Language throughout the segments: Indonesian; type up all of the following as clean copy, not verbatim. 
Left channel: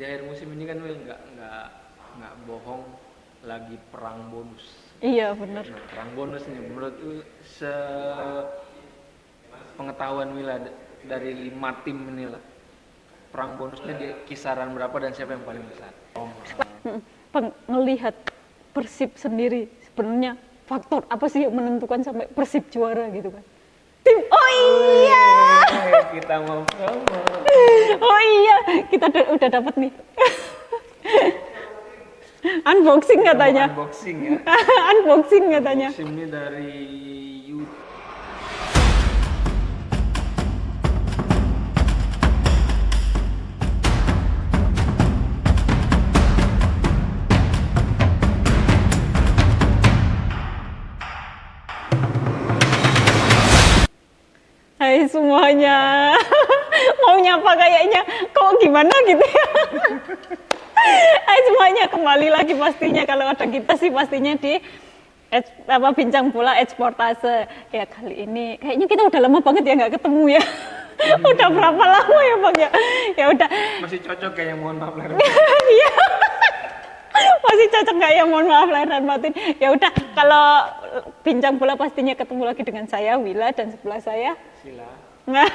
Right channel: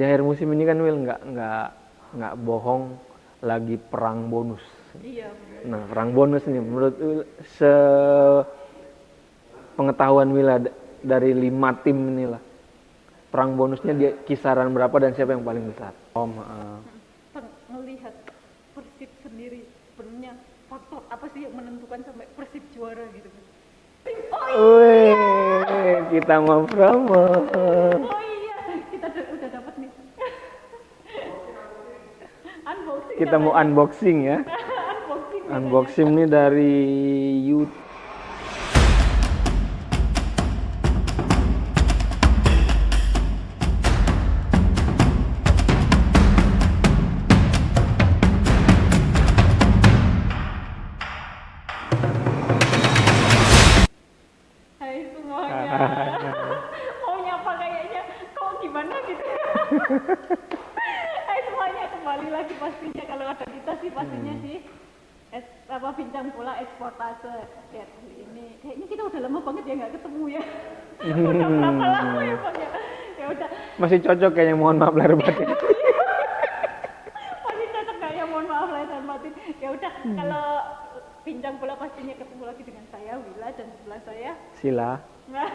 Di akhir musim ini kan Will nggak bohong, lagi perang bonus. Iya benar. Nah, perang bonus nih menurut Will, pengetahuan Will dari 5 tim inilah, perang bonusnya di kisaran berapa dan siapa yang paling besar? Melihat Persib sendiri sebenarnya faktor apa sih yang menentukan sampai Persib juara gitu kan? Tim, oh iya. Kita mau promo. Oh iya, kita udah dapat nih. Unboxing Kita katanya. mau unboxing ya. Unboxing katanya. Unboxing ini dari YouTube. Hai semuanya. Mau nyapa kayaknya kok gimana gitu ya. Hai semuanya, kembali lagi pastinya kalau ada kita sih pastinya di bincang bola Eksportase. Ya kali ini kayaknya kita udah lama banget ya nggak ketemu ya. Udah berapa lama ya Bang ya? Ya udah. Masih cocok kayaknya, mohon maaf lahir batin. Iya. Masih cocok nggak ya, mohon maaf lahir dan batin. Ya udah, kalau bincang bola pastinya ketemu lagi dengan saya Wila dan sebelah saya Sila. Nah,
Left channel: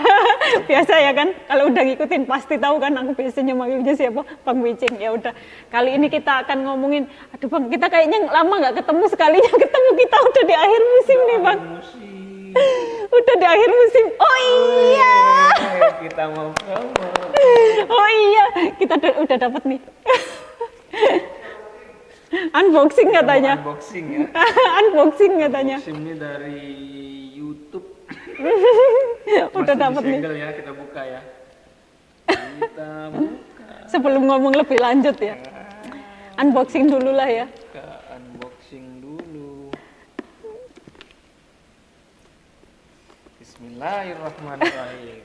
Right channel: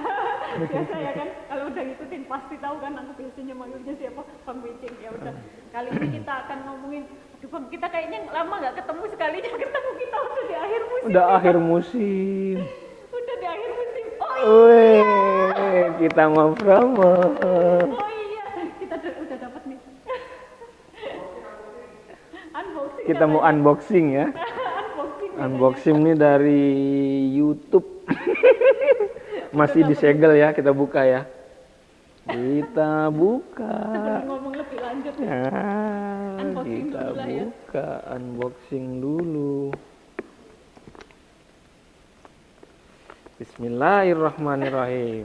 biasa ya kan, kalau udah ngikutin pasti tahu kan aku biasanya manggilnya siapa, Bang Wicing. Ya udah, kali ini kita akan ngomongin, aduh Bang, kita kayaknya lama nggak ketemu, sekalinya ketemu kita udah di akhir musim Udah nih akhir Bang. musim. Udah di akhir musim, oh iya. Kita mau promo. Oh iya, kita udah dapat nih. Unboxing Kita katanya. mau unboxing ya. Unboxing katanya. Unboxing ini dari YouTube. Udah Masih dapet disegel ya, kita buka ya. Kita buka. Sebelum ngomong lebih lanjut ya. Unboxing dulu lah ya. Buka, unboxing dulu. Bismillahirrahmanirrahim.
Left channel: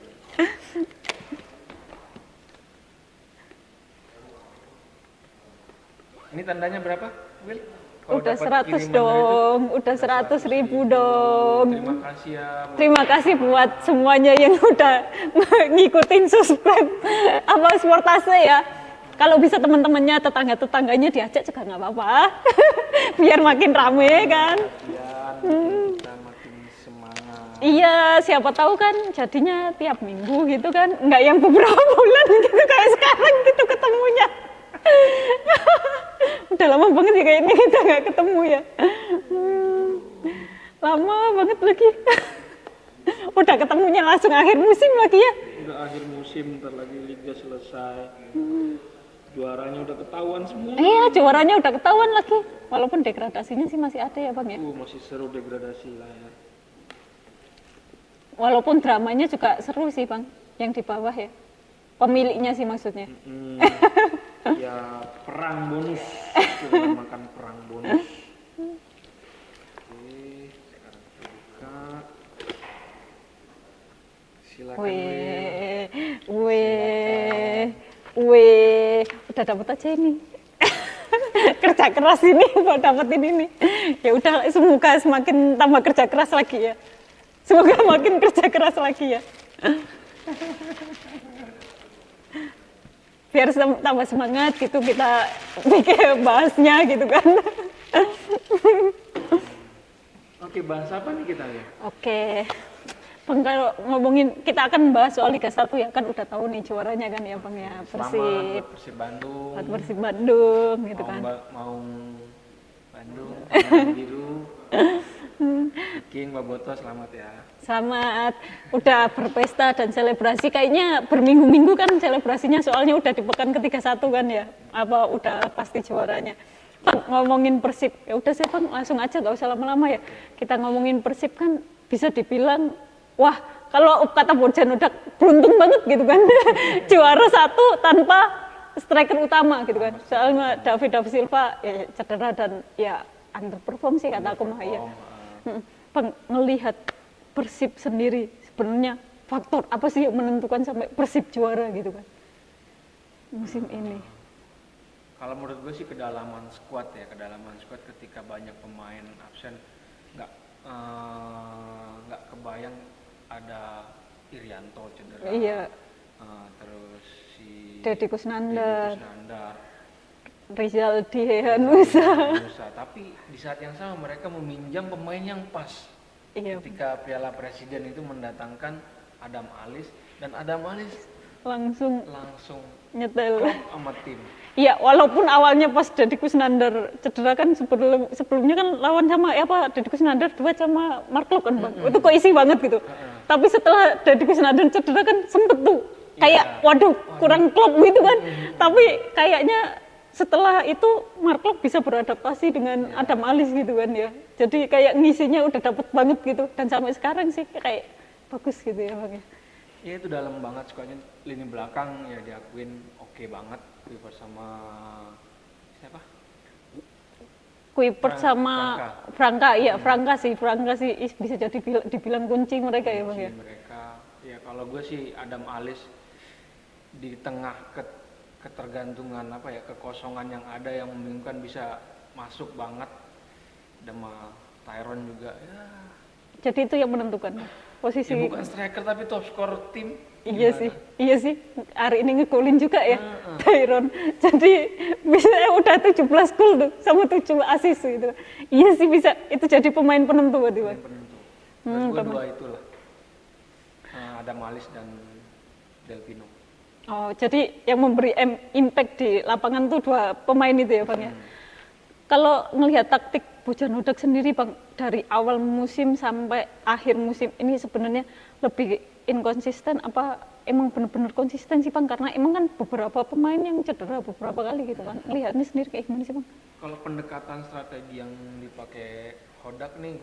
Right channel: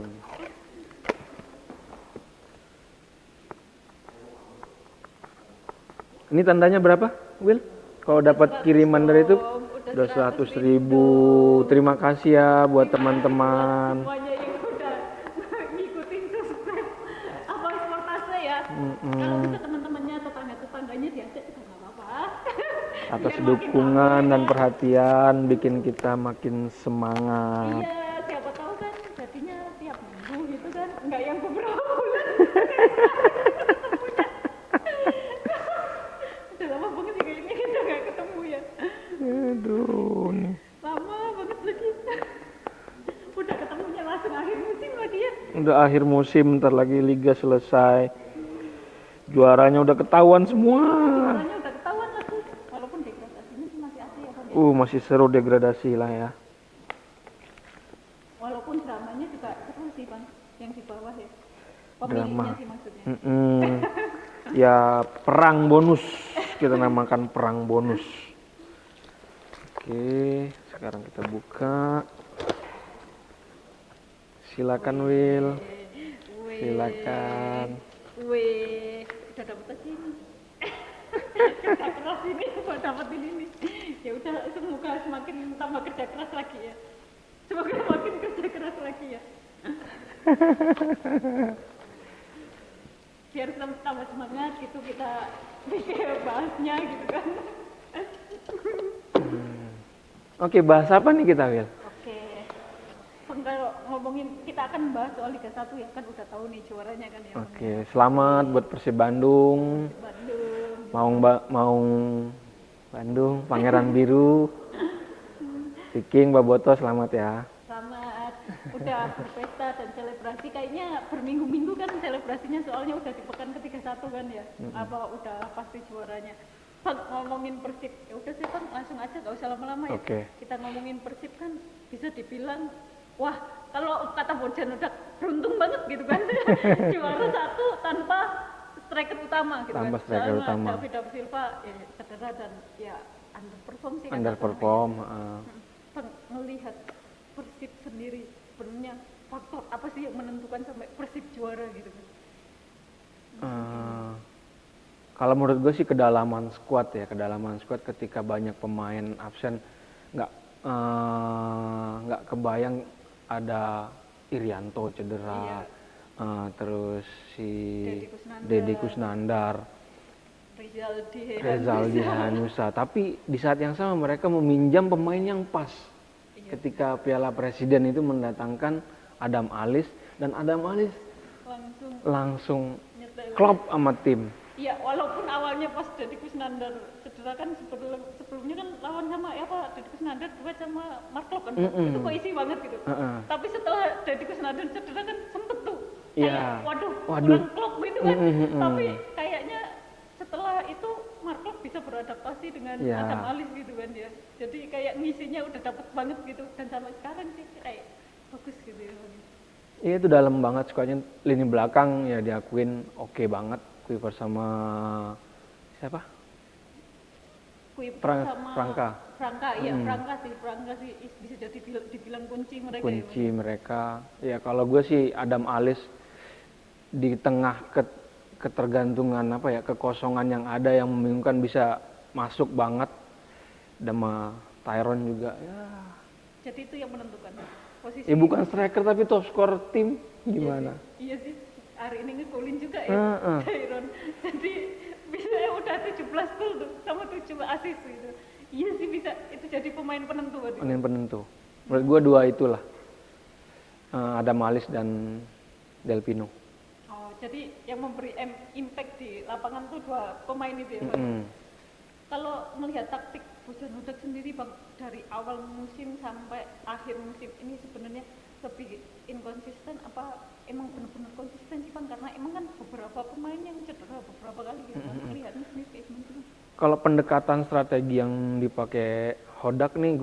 Ini tandanya berapa, Will? Kalau Udah dapat 100 kiriman dari itu, udah 100.000 100.000. dong. Terima kasih ya buat Terima teman-teman. kasih buat semuanya yang udah ngikutin subscribe apa Eksportase ya. Kalau bisa teman-temannya, tetangga-tetangganya diajak juga nggak apa-apa. Biar makin rame Dukungan dan kan. perhatian bikin kita makin semangat. Iya, siapa tahu kan jadinya tiap minggu gitu kan. Nggak yang beberapa bulan gitu kayak sekarang gitu ketemunya. Udah lama banget ya kayaknya kita nggak ketemu ya. Lama banget lagi. Udah ketemunya langsung akhir musim lagi ya. Udah akhir musim, ntar lagi liga selesai. Juaranya udah ketahuan semua. Iya, juaranya udah ketahuan lagi. Walaupun degradasinya sih masih ada ya Bang ya. Masih seru degradasi lah ya. Walaupun dramanya juga seru sih Bang, yang di bawah ya. Pemiliknya sih maksudnya. Ya perang bonus, kita namakan perang bonus. Oke, sekarang kita buka. Silakan Will. Silakan. Udah dapet aja ini. Kerja keras ini buat dapetin ini. Ya udah, semoga semakin tambah kerja keras lagi ya. Semoga makin kerja keras lagi ya. Biar tambah semangat gitu kita bikin bahasnya gitu kan. Oke, bahas apa nih kita, Will? Oke. Bang, kalau ngomongin, kita akan bahas soal Liga 1 ya, kan udah tahu nih juaranya kan ya Bang ya. Selamat buat Persib Bandung. Buat Persib Bandung gitu kan. Mau Bandung, Pangeran Biru. Viking, Baboto, selamat ya. Selamat, udah berpesta dan selebrasi, kayaknya berminggu-minggu kan selebrasinya, soalnya udah di pekan ke-31 kan ya. Apa udah pasti juaranya. Bang, ngomongin Persib, ya udah sih Bang, langsung aja gak usah lama-lama ya. Oke. Kita ngomongin Persib kan bisa dibilang, wah kalau kata Bojan udah beruntung banget gitu kan. Juara 1 tanpa striker utama gitu kan. Soalnya David Silva ya cedera dan ya underperform sih kata aku ya. Bang, ngelihat Persib sendiri sebenarnya faktor apa sih yang menentukan sampai Persib juara gitu kan musim ini? Kalau menurut gue sih kedalaman squad ya, kedalaman squad ketika banyak pemain absen, nggak kebayang ada Irianto cedera, Iya. terus si Deddy Kusnandar. Deddy Kusnandar, Rizaldi Rizaldi Hehanusa. Hanusa. Tapi di saat yang sama mereka meminjam pemain yang pas. Iya, Ketika Piala Presiden itu mendatangkan Adam Alis, dan Adam Alis langsung nyetel. klop sama tim. Iya, walaupun awalnya pas Deddy Kusnandar cedera kan sebelumnya kan lawan sama Deddy Kusnandar duet sama Mark Klok kan, Bang. Itu kok isi banget gitu. Tapi setelah Deddy Kusnandar cedera kan sempet tuh kayak waduh kurang klop gitu kan. Tapi kayaknya setelah itu Mark Klok bisa beradaptasi dengan Adam Alis gitu kan ya. Jadi kayak ngisinya udah dapet banget gitu, dan sampai sekarang sih kayak bagus gitu ya, Bang ya. Iya, itu dalam banget squadnya. Lini belakang ya diakuin oke banget. Kuiper sama siapa? Kuiper sama Franka, iya Franka sih bisa jadi dibilang kunci mereka ya, Bang. Kunci mereka. Ya kalau gue sih Adam Alis di tengah ketergantungan kekosongan yang ada yang membingungkan bisa masuk banget. Sama Tyron juga. Ya. Jadi itu yang menentukan posisi. Ya bukan striker tapi top scorer tim. Iya sih. Hari ini ngegolin juga ya Tyron. Jadi bisa udah 17 gol tuh sama 7 assist gitu. Iya sih bisa itu jadi pemain penentu berarti. Pemain penentu. Menurut gue dua itulah. Adam Alis dan Del Pino. Oh, jadi yang memberi impact di lapangan tuh dua pemain itu ya, Bang ya. Kalau ngelihat taktik Bojanodak sendiri, Bang, dari awal musim sampai akhir musim ini sebenarnya lebih inkonsisten apa emang benar-benar konsisten sih, Bang? Karena emang kan beberapa pemain yang cedera beberapa kali gitu kan. Lihatnya sendiri kayak gimana sih, Bang? Kalau pendekatan strategi yang dipakai Hodak nih,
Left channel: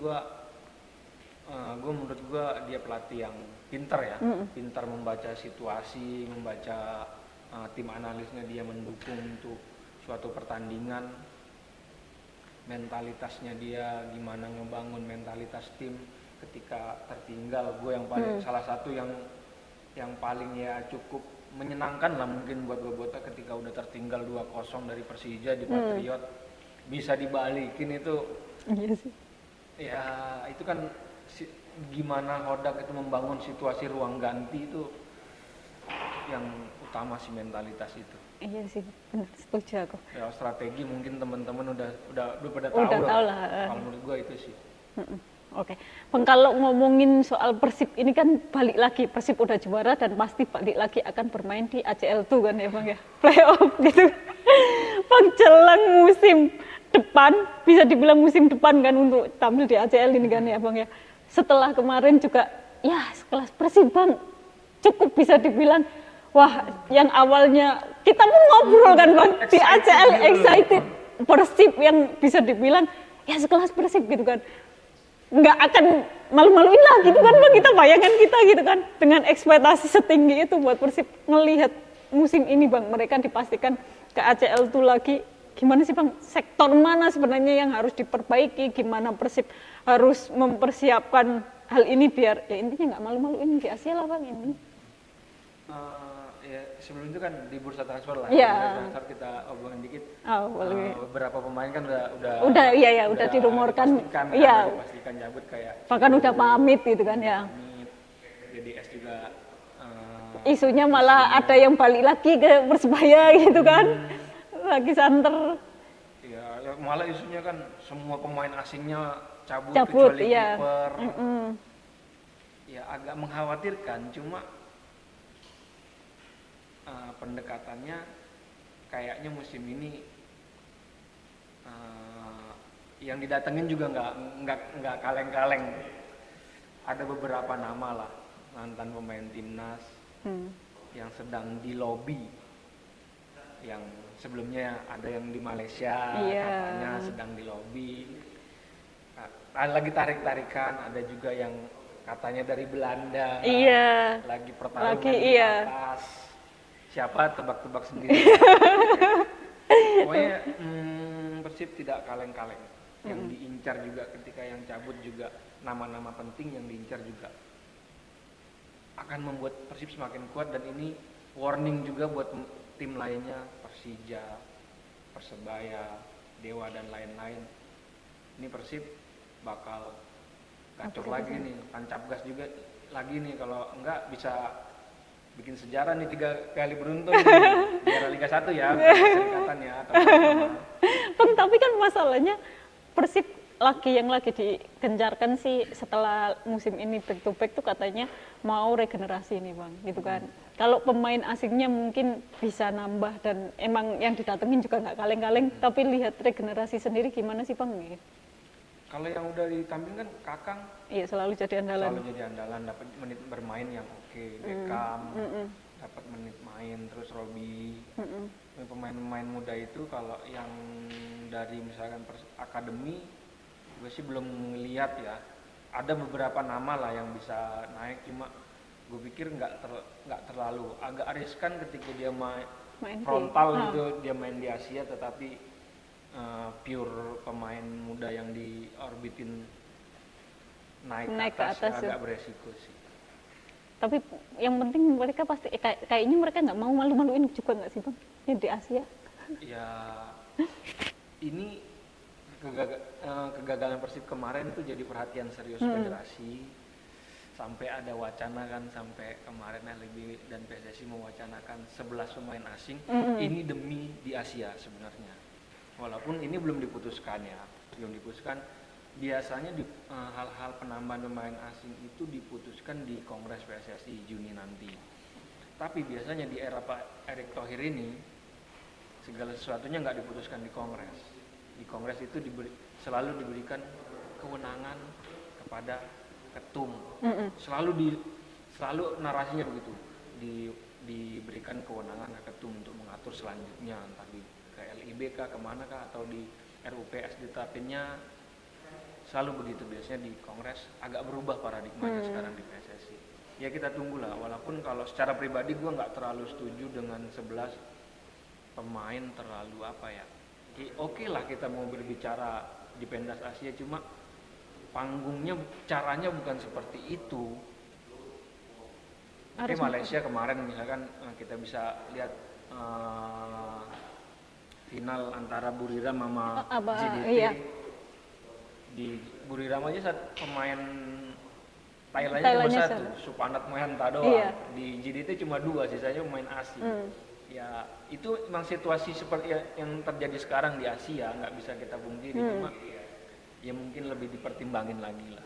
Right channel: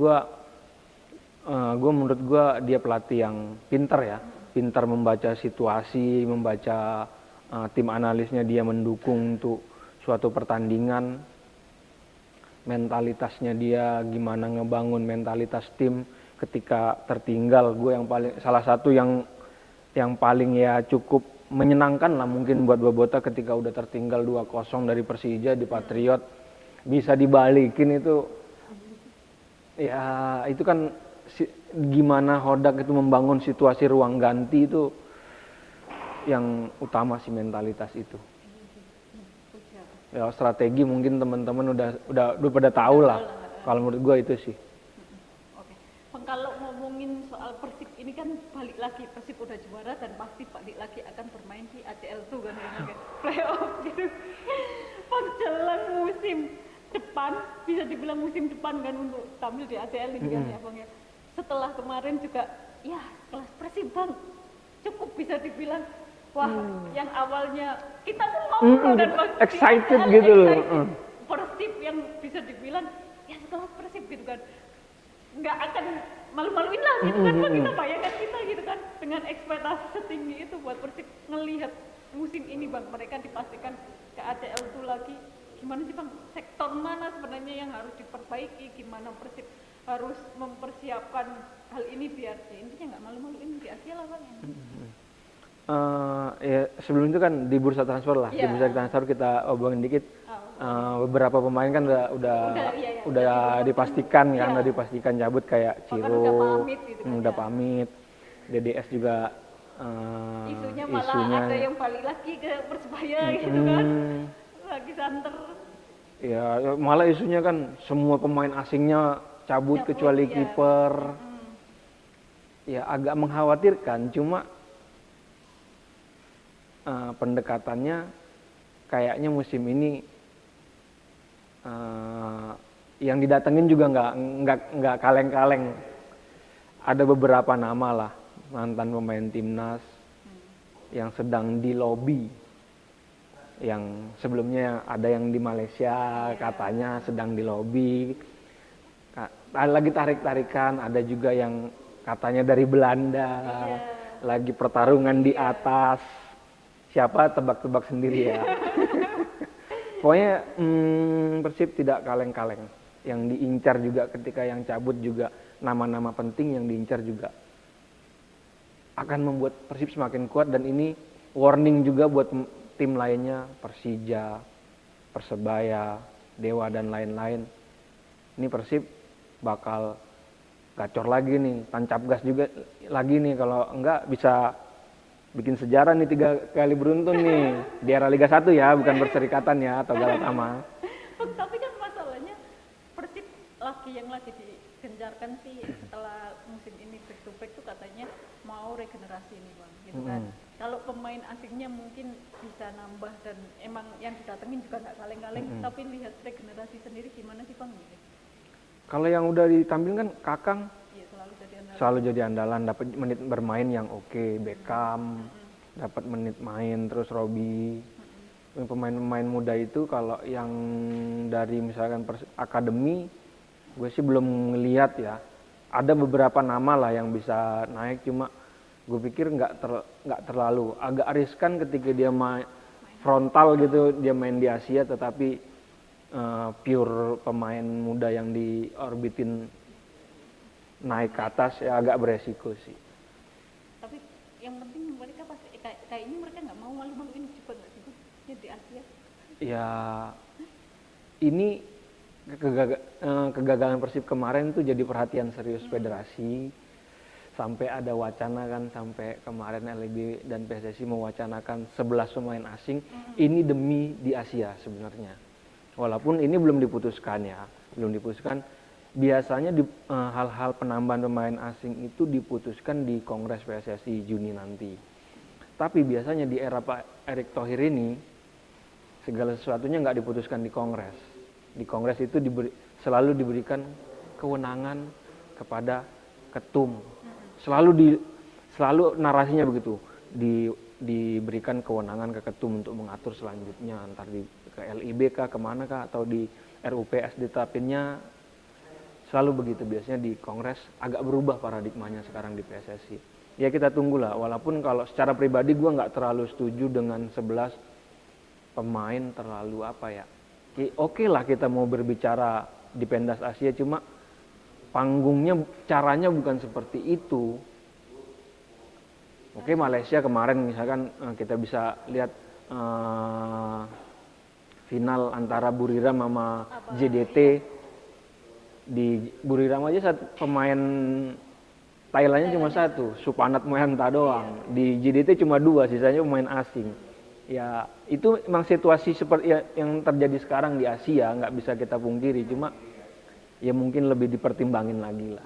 menurut gue dia pelatih yang pintar ya. Pintar membaca situasi, membaca tim analisnya dia mendukung untuk suatu pertandingan. Mentalitasnya dia gimana ngebangun mentalitas tim ketika tertinggal. Gue yang paling salah satu yang paling ya cukup menyenangkan lah mungkin buat Bobota ketika udah tertinggal 2-0 dari Persija di Patriot bisa dibalikin itu. Iya sih. Ya itu kan gimana Hodak itu membangun situasi ruang ganti itu yang utama sih, mentalitas itu. Iya sih, setuju aku. Ya strategi mungkin teman-teman udah pada tahu lah. Kalau menurut gue itu sih. Oke. Bang, kalau ngomongin soal Persib ini kan balik lagi, Persib udah juara dan pasti balik lagi akan bermain di ACL tuh kan ya, Bang ya. Playoff gitu. Bang, jelang musim depan, bisa dibilang musim depan kan untuk tampil di ACL ini kan ya, Bang ya. Setelah kemarin juga ya sekelas Persib, Bang, cukup bisa dibilang wah, yang awalnya kita pun ngobrol kan, Bang, di ACL gitu, excited. Persib yang bisa dibilang ya sekelas Persib gitu kan. Nggak akan malu-maluin lah gitu kan, Bang, kita bayangkan kita gitu kan. Dengan ekspektasi setinggi itu buat Persib ngelihat musim ini, Bang, mereka dipastikan ke ACL tuh lagi. Gimana sih, Bang, sektor mana sebenarnya yang harus diperbaiki, gimana Persib harus mempersiapkan hal ini biar ya intinya nggak malu-maluin di ACL lah, Bang, ini. Ya sebelum itu kan di bursa transfer lah. Di bursa transfer kita obrolin dikit. Beberapa pemain kan udah dipastikan udah dipastikan cabut kayak bahkan udah pamit gitu kan ya. Udah pamit. DDS juga isunya malah ada yang balik lagi ke Persebaya gitu kan. Lagi santer. Ya malah isunya kan semua pemain asingnya cabut kecuali kiper. Ya agak mengkhawatirkan, cuma pendekatannya kayaknya musim ini yang didatengin juga nggak kaleng-kaleng. Ada beberapa nama lah mantan pemain timnas yang sedang di lobby, yang sebelumnya ada yang di Malaysia katanya sedang di lobby, lagi tarik-tarikan. Ada juga yang katanya dari Belanda lagi pertarungan di atas. Siapa tebak-tebak sendiri ya. Pokoknya Persib tidak kaleng-kaleng. Yang diincar juga ketika yang cabut juga nama-nama penting yang diincar juga akan membuat Persib semakin kuat. Dan ini warning juga buat tim lainnya, Persija, Persebaya, Dewa dan lain-lain. Ini Persib bakal gacor lagi nih, tancap gas juga lagi nih, kalau enggak bisa bikin sejarah nih 3 kali beruntun nih di era Liga 1 ya, bukan perserikatan ya atau sama. Bang, tapi kan masalahnya Persib yang lagi digencarkan sih setelah musim ini back to back tuh katanya mau regenerasi nih Bang, gitu kan. Kalau pemain asingnya mungkin bisa nambah dan emang yang didatengin juga nggak kaleng-kaleng, tapi lihat regenerasi sendiri gimana sih Bang? Kalau yang udah ditampilkan Kakang Iya, selalu jadi andalan. selalu jadi andalan, dapat menit bermain yang oke. Beckham dapat menit main, terus Robbie. Pemain-pemain muda itu kalau yang dari misalkan akademi, gue sih belum ngelihat ya. Ada beberapa nama lah yang bisa naik, cuma gue pikir nggak terlalu agak riskan ketika dia main frontal gitu, dia main di Asia tetapi pure pemain muda yang diorbitin naik ke atas ya agak beresiko sih. Tapi yang penting mereka pasti kayaknya mereka nggak mau malu-maluin juga nggak sih Bang? Ya di Asia. Ya ini kegagalan Persib kemarin tuh jadi perhatian serius federasi. Sampai ada wacana kan, sampai kemarin LIB dan PSSI mewacanakan 11 pemain asing. Ini demi di Asia sebenarnya. Walaupun ini belum diputuskan ya, belum diputuskan. Biasanya hal-hal penambahan pemain asing itu diputuskan di Kongres PSSI Juni nanti. Tapi biasanya di era Pak Erick Thohir ini segala sesuatunya nggak diputuskan di Kongres. Di Kongres itu selalu diberikan kewenangan kepada ketum. Selalu narasinya begitu. Diberikan kewenangan ke ketum untuk mengatur selanjutnya, antar ke LIB kah, kemana kah, atau di RUPS ditetapinnya. Selalu begitu, biasanya di Kongres agak berubah paradigmanya sekarang di PSSI. Ya kita tunggulah, walaupun kalau secara pribadi gue nggak terlalu setuju dengan 11 pemain terlalu apa ya. Oke lah kita mau berbicara di pentas Asia, cuma panggungnya, caranya bukan seperti itu. Oke, Malaysia kemarin misalkan kita bisa lihat final antara Buriram sama JDT. Iya. Di Buriram aja pemain Thailandnya cuma satu, Supanat Mohanta doang. Iya. Di JDT cuma 2, sisanya pemain asing. Ya itu memang situasi seperti yang terjadi sekarang di Asia, nggak bisa kita pungkiri. Cuma ya mungkin lebih dipertimbangin lagi lah.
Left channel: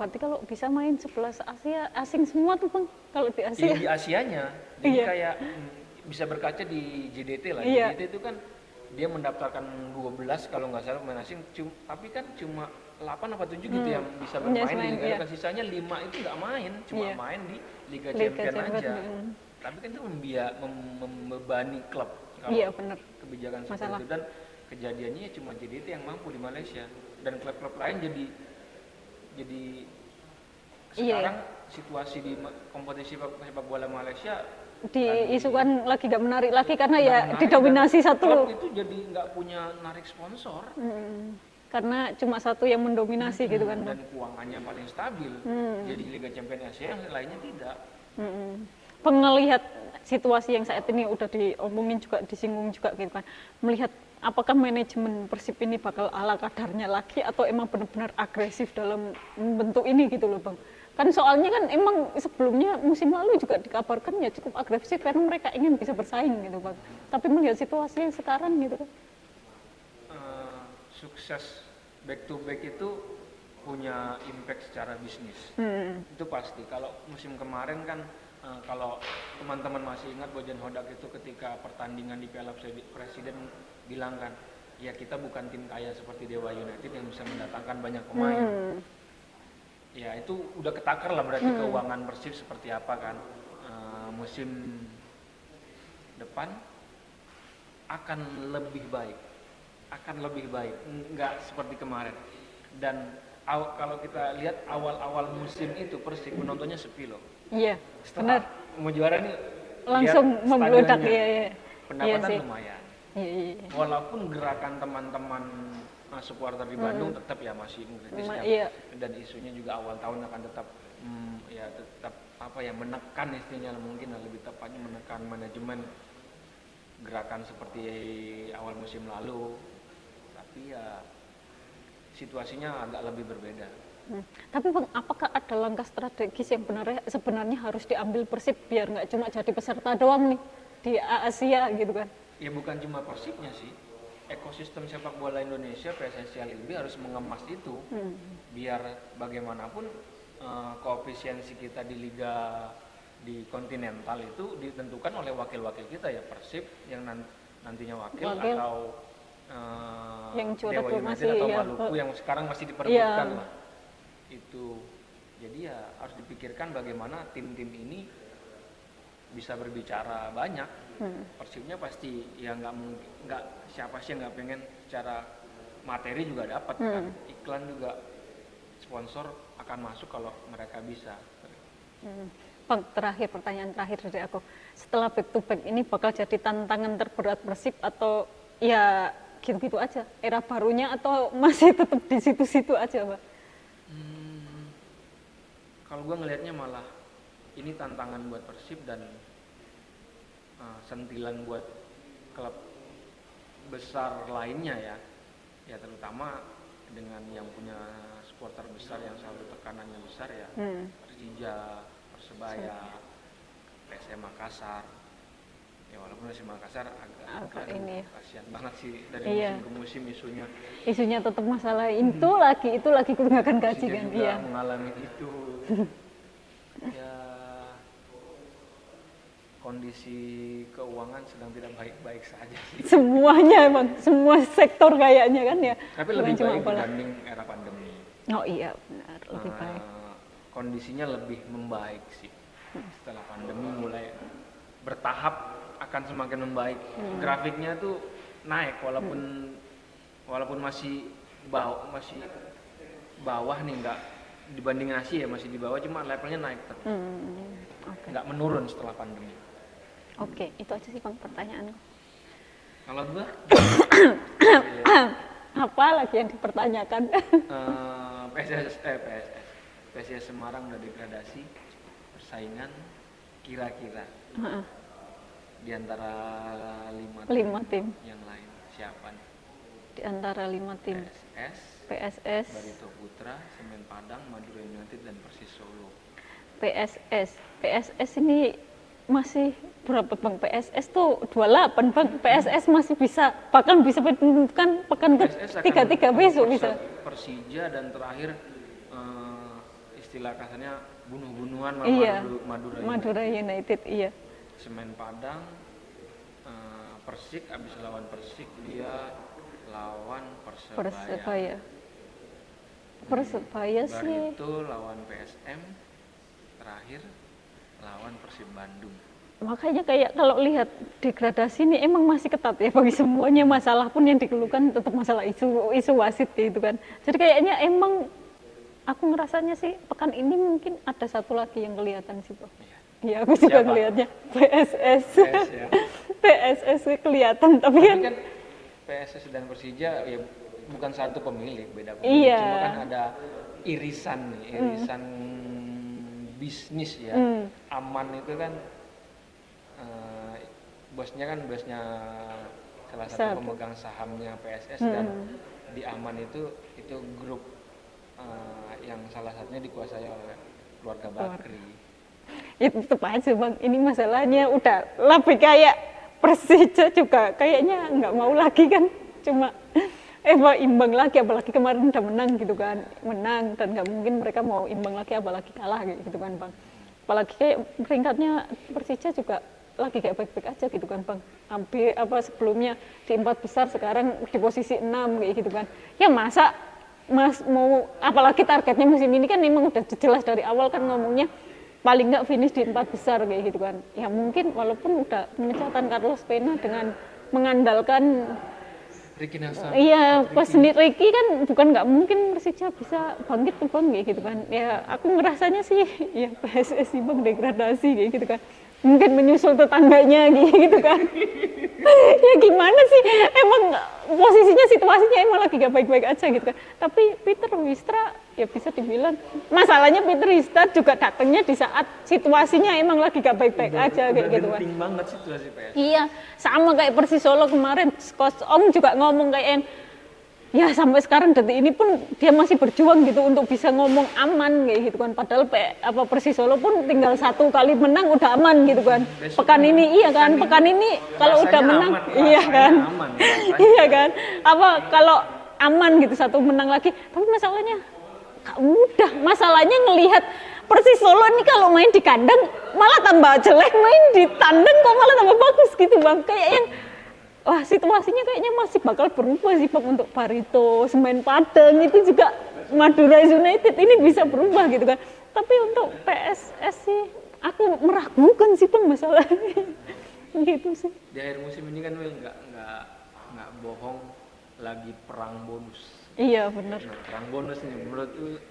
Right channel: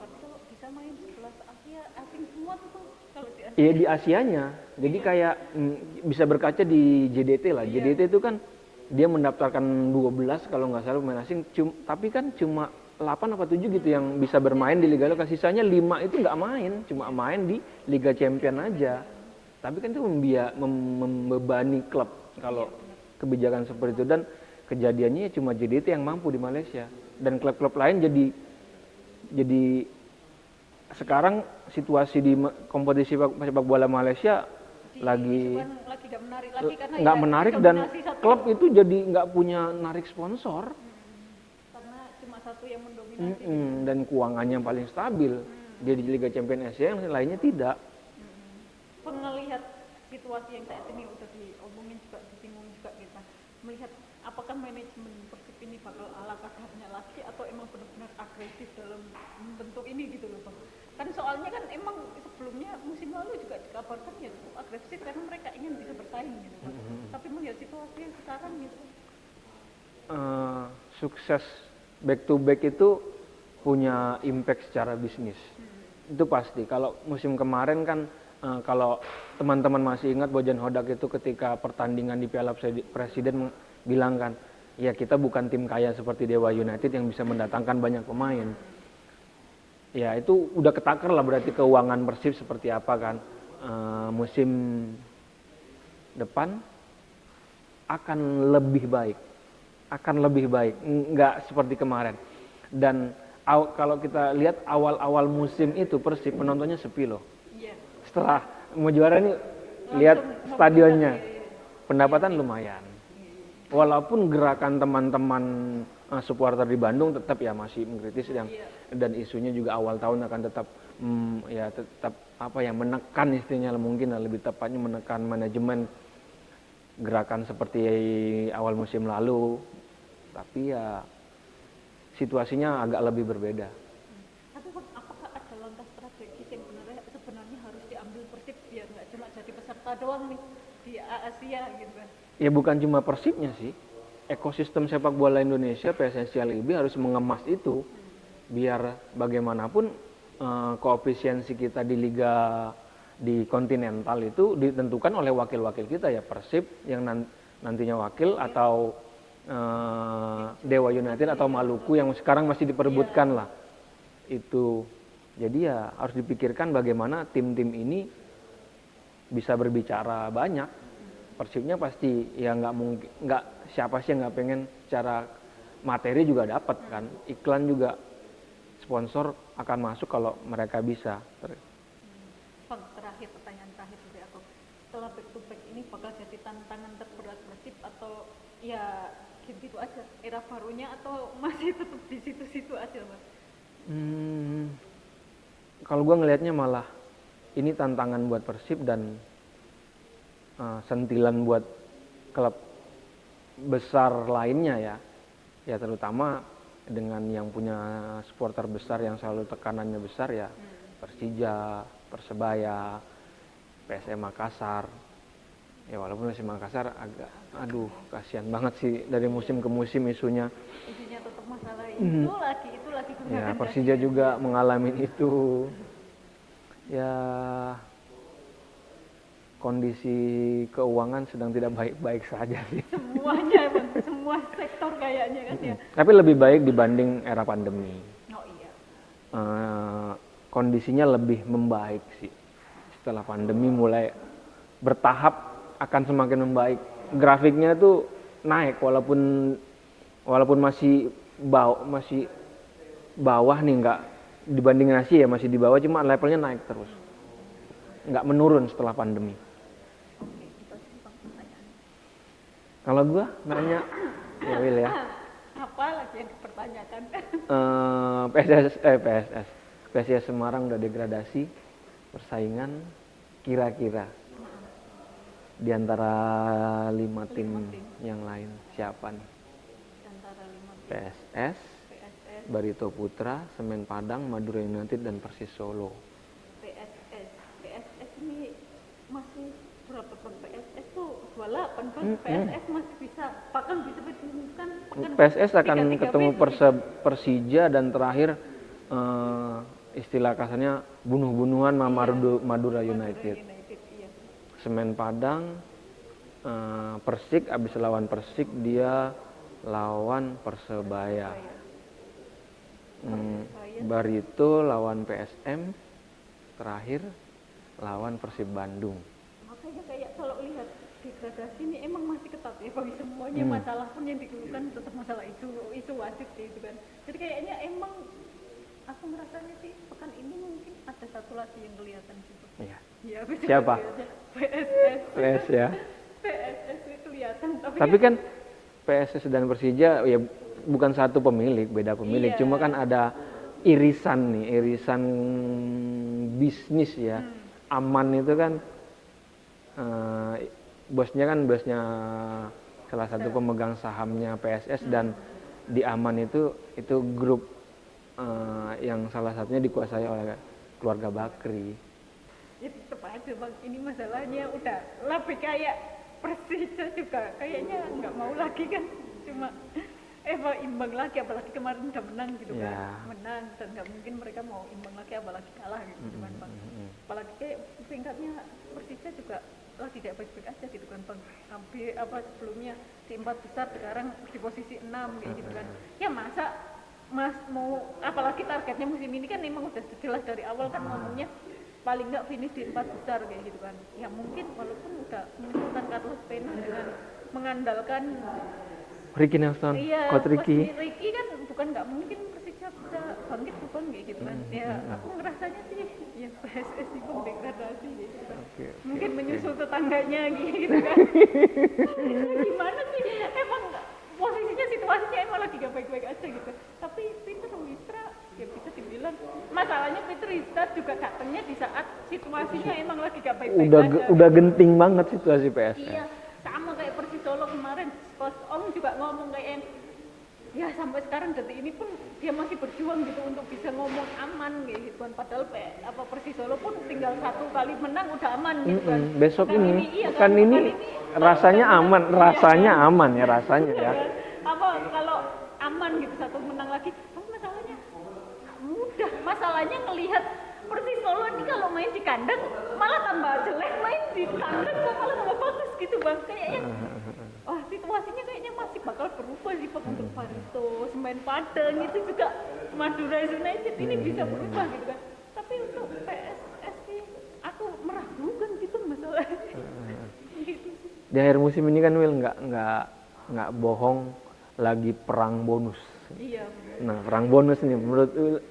Berarti kalau bisa main 11 Asia, asing semua tuh Bang, kalau di Asia? Iya di Asianya, jadi kayak bisa berkaca di JDT lah. Iya. JDT itu kan dia mendaftarkan 12 kalau nggak salah pemain asing, tapi kan cuma 8 apa 7 gitu yang bisa bermain di Liga Lokal. Sisanya 5 itu nggak main, cuma main di Liga Champion aja. Tapi kan itu membebani klub kalau kebijakan seperti itu, dan kejadiannya cuma JDT yang mampu di Malaysia, dan klub-klub lain jadi sekarang situasi di kompetisi sepak bola Malaysia diisukan lagi gak menarik lagi karena ya didominasi satu klub itu jadi nggak punya narik sponsor karena cuma satu yang mendominasi gitu kan, dan keuangannya paling stabil di Liga Champions Asia, yang lainnya tidak. Pengelihat situasi yang saat ini udah diomongin juga, disinggung juga gitu kan, melihat apakah manajemen Persib ini bakal ala kadarnya lagi atau emang benar-benar agresif dalam bentuk ini gitu loh Bang. Kan soalnya kan emang sebelumnya musim lalu juga dikabarkan ya cukup agresif karena mereka ingin bisa bersaing gitu Bang. Tapi melihat situasi yang sekarang gitu kan. Sukses back to back itu punya impact secara bisnis. Itu pasti. Kalau musim kemarin kan kalau teman-teman masih ingat, Bojan Hodak itu ketika pertandingan di Piala Presiden bilang kan, ya kita bukan tim kaya seperti Dewa United yang bisa mendatangkan banyak pemain. Ya itu udah ketakar lah berarti keuangan Persib seperti apa kan. Musim depan akan lebih baik, nggak seperti kemarin. Dan kalau kita lihat awal-awal musim itu Persib penontonnya sepi loh. Iya. Setelah mau juara nih lihat stadionnya, pendapatan lumayan. Walaupun gerakan teman-teman supporter di Bandung tetap ya masih mengkritis dan isunya juga awal tahun akan tetap menekan, istilahnya mungkin lebih tepatnya menekan manajemen gerakan seperti awal musim lalu. Tapi ya situasinya agak lebih berbeda. Tapi Bang, apakah ada langkah strategis yang sebenarnya harus diambil Persib biar nggak cuma jadi peserta doang nih di Asia gitu kan? Ya bukan cuma Persibnya sih, ekosistem sepak bola Indonesia, PSSI LIB harus mengemas itu, biar bagaimanapun koefisiensi kita di liga di kontinental itu ditentukan oleh wakil-wakil kita ya, Persib yang nantinya wakil atau Dewa United atau Maluku yang sekarang masih diperebutkan lah itu. Jadi ya harus dipikirkan bagaimana tim-tim ini bisa berbicara banyak. Persibnya pasti ya nggak siapa sih yang nggak pengen secara materi juga dapat kan, iklan juga sponsor akan masuk kalau mereka bisa. Bang, pertanyaan terakhir dari aku, setelah back to back ini bakal jadi tantangan terberat Persib atau ya gitu-gitu aja era barunya, atau masih tetap di situ-situ aja Pak? Kalau gue ngelihatnya malah ini tantangan buat Persib dan sentilan buat klub besar lainnya ya terutama dengan yang punya supporter besar yang selalu tekanannya besar ya, Persija, Persebaya, PSM Makassar. Ya walaupun PSM Makassar agak kasihan banget sih dari musim ke musim isunya tetap masalah itu lagi tunggakan gaji. Persija juga mengalami itu. Ya kondisi keuangan sedang tidak baik-baik saja sih. Semuanya emang, semua sektor kayaknya kan ya. Tapi lebih baik dibanding era pandemi. Oh iya benar. Kondisinya lebih membaik sih. Setelah pandemi mulai bertahap akan semakin membaik. Grafiknya tuh naik walaupun masih bawah nih, nggak dibanding Asia ya masih di bawah, cuma levelnya naik terus. Nggak menurun setelah pandemi. Oke, itu aja sih Bang pertanyaan. Kalau gua apa lagi yang dipertanyakan? PSS Semarang udah degradasi, persaingan kira-kira di antara 5 tim yang lain siapa nih? Di antara 5 tim. PSS, Barito Putra, Semen Padang, Madura United dan Persis Solo. PSS ini masih berapa Bang? PSS tuh 28 Bang. PSS masih bisa, bahkan bisa menentukan pekan PSS akan 3-3 ketemu besok bisa. Persija dan terakhir istilah kasarnya bunuh-bunuhan Madura United iya. Semen Padang, Persik abis lawan Persik dia lawan Persebaya sih. Barito lawan PSM, terakhir lawan Persib Bandung. Makanya kayak kalau lihat degradasi ini emang masih ketat ya bagi semuanya. Masalah pun yang dikeluhkan tetap masalah isu wasit gitu kan. Jadi kayaknya emang aku ngerasanya sih pekan ini mungkin ada satu lagi yang kelihatan sih Pak. Iya, aku juga ngelihatnya PSS ya. PSS kelihatan tapi kan PSS dan Persija ya bukan satu pemilik, beda pemilik. Cuma kan ada irisan bisnis ya. Aman itu kan bosnya salah satu pemegang sahamnya PSS dan di Aman itu grup yang salah satunya dikuasai oleh keluarga Bakri. Itu tetap aja Bang, ini masalahnya udah lebih kayak Persija juga kayaknya nggak mau lagi kan, cuma imbang lagi, apalagi kemarin udah menang gitu kan, menang dan nggak mungkin mereka mau imbang lagi apalagi kalah gitu kan Bang. Apalagi kayak peringkatnya Persija juga lagi kayak baik-baik aja gitu kan Bang, hampir sebelumnya di 4 besar sekarang di posisi 6 kayak gitu kan. Ya masa mau, apalagi targetnya musim ini kan memang udah jelas dari awal kan ngomongnya paling nggak finish di 4 besar kayak gitu kan. Ya mungkin walaupun udah menyatakan Carlos Pena dengan mengandalkan Ricky Nelson, iya, pas Ricky kan bukan nggak mungkin Persija bisa bangkit tuh Bang kayak gitu kan. Ya aku ngerasanya sih ya PSSI Bang degradasi kayak gitu kan. Mungkin menyusul tetangganya gitu kan. Ya gimana sih, emang posisinya situasinya emang lagi gak baik-baik aja gitu kan. Tapi Peter Wistra ya bisa dibilang, masalahnya Peter Wistra juga datangnya di saat situasinya emang lagi gak baik-baik aja. Udah gitu genting kan. banget situasi PS. Iya, sama kayak Persis Solo kemarin, Coach Om juga ngomong kayak Ya sampai sekarang detik ini pun dia masih berjuang gitu untuk bisa ngomong aman kayak gitu kan. Padahal Persis Solo pun tinggal 1 kali menang udah aman gitu kan. Besok Pekan ini iya kan, pekan ini kalau udah menang aman, iya rasanya kan? aman rasanya. Iya kan. Apa kalau aman gitu 1 menang lagi. Tapi masalahnya gak mudah. Masalahnya ngelihat Persis Solo ini kalau main di kandang malah tambah jelek, main di tandang kok malah tambah bagus gitu Bang. Kayak yang wah situasinya kayaknya masih bakal berubah sih Pak untuk Barito, Semen Padang itu juga Madura United ini bisa berubah gitu kan. Tapi untuk PSS sih aku meragukan sih Bang masalahnya. Gitu sih. Di akhir musim ini kan Wil nggak bohong lagi perang bonus. Iya benar. Nah perang bonus ini menurut Wil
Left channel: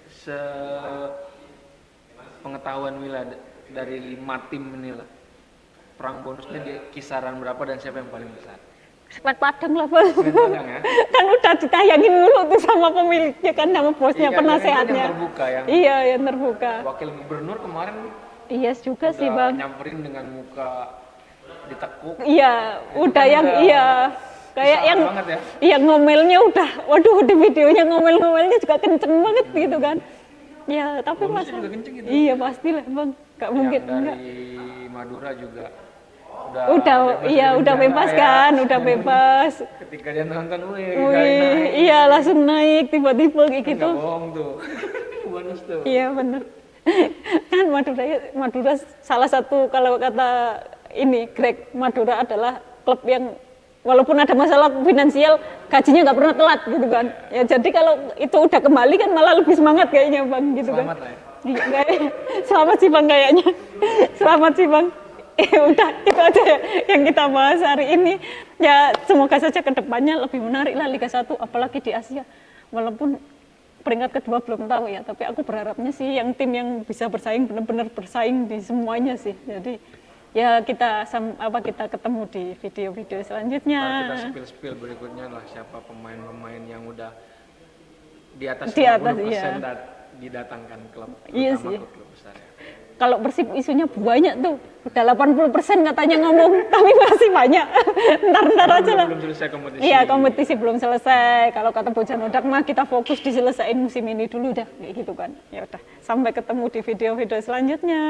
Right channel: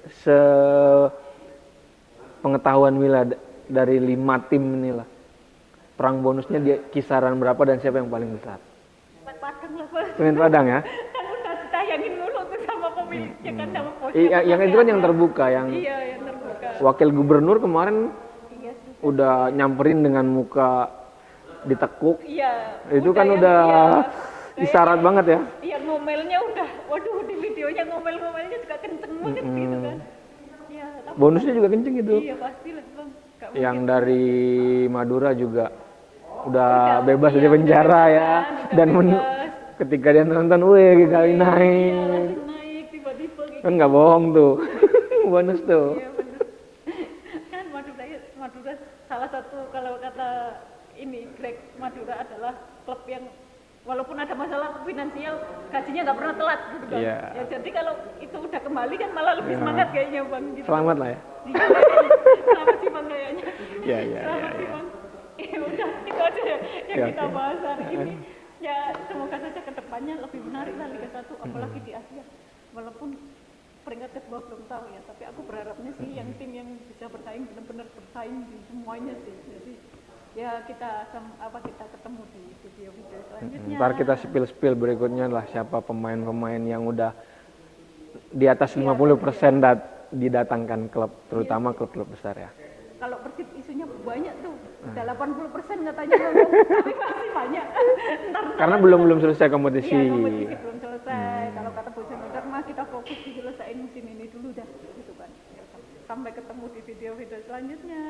pengetahuan Wila dari 5 tim inilah perang bonusnya di kisaran berapa dan siapa yang paling besar? Semen Padang lah Bang. Semen Padang ya? Kan udah ditayangin dulu tuh sama pemiliknya kan, sama bosnya, penasehatnya. Yang terbuka Iya yang terbuka. Wakil gubernur kemarin Iya juga udah sih Bang. nyamperin dengan muka ditekuk. Iya, itu udah kan yang udah iya. Kayak yang banget ya. Iya ngomelnya udah, waduh di videonya ngomel-ngomelnya juga kenceng banget gitu kan. Ya tapi bonusnya juga kenceng gitu. Iya pastilah Bang. Gak mungkin. Yang dari Madura juga udah bebas iya, dari penjara udah bebas ya. kan, udah Dan bebas. Ketika dia nonton, naik. Iya langsung naik tiba-tiba kayak Kan gitu. nggak bohong tuh, bonus tuh. Iya benar. Kan Madura salah satu kalau kata ini Greg, Madura adalah klub yang walaupun ada masalah finansial gajinya nggak pernah telat gitu kan. Iya. Ya jadi kalau itu udah kembali kan malah lebih semangat kayaknya Bang gitu. Selamat kan. lah ya. Selamat sih Bang kayaknya. Selamat sih Bang. Udah itu aja ya yang kita bahas hari ini. Ya semoga saja kedepannya lebih menarik lah Liga 1 apalagi di Asia. Walaupun peringkat kedua belum tahu ya, tapi aku berharapnya sih yang tim yang bisa bersaing benar-benar bersaing di semuanya sih. Jadi ya kita ketemu di video-video selanjutnya. Ntar kita spill berikutnya lah siapa pemain-pemain yang udah di atas 50% didatangkan klub, terutama klub-klub besar ya. Kalau Persib isunya banyak tuh, udah 80% katanya ngomong, tapi masih banyak. Ntar aja belum selesai kompetisi. Iya, kompetisi belum selesai. Kalau kata Bojan Odak mah kita fokus diselesain musim ini dulu dah, kayak gitu kan. Ya udah, sampai ketemu di video-video selanjutnya.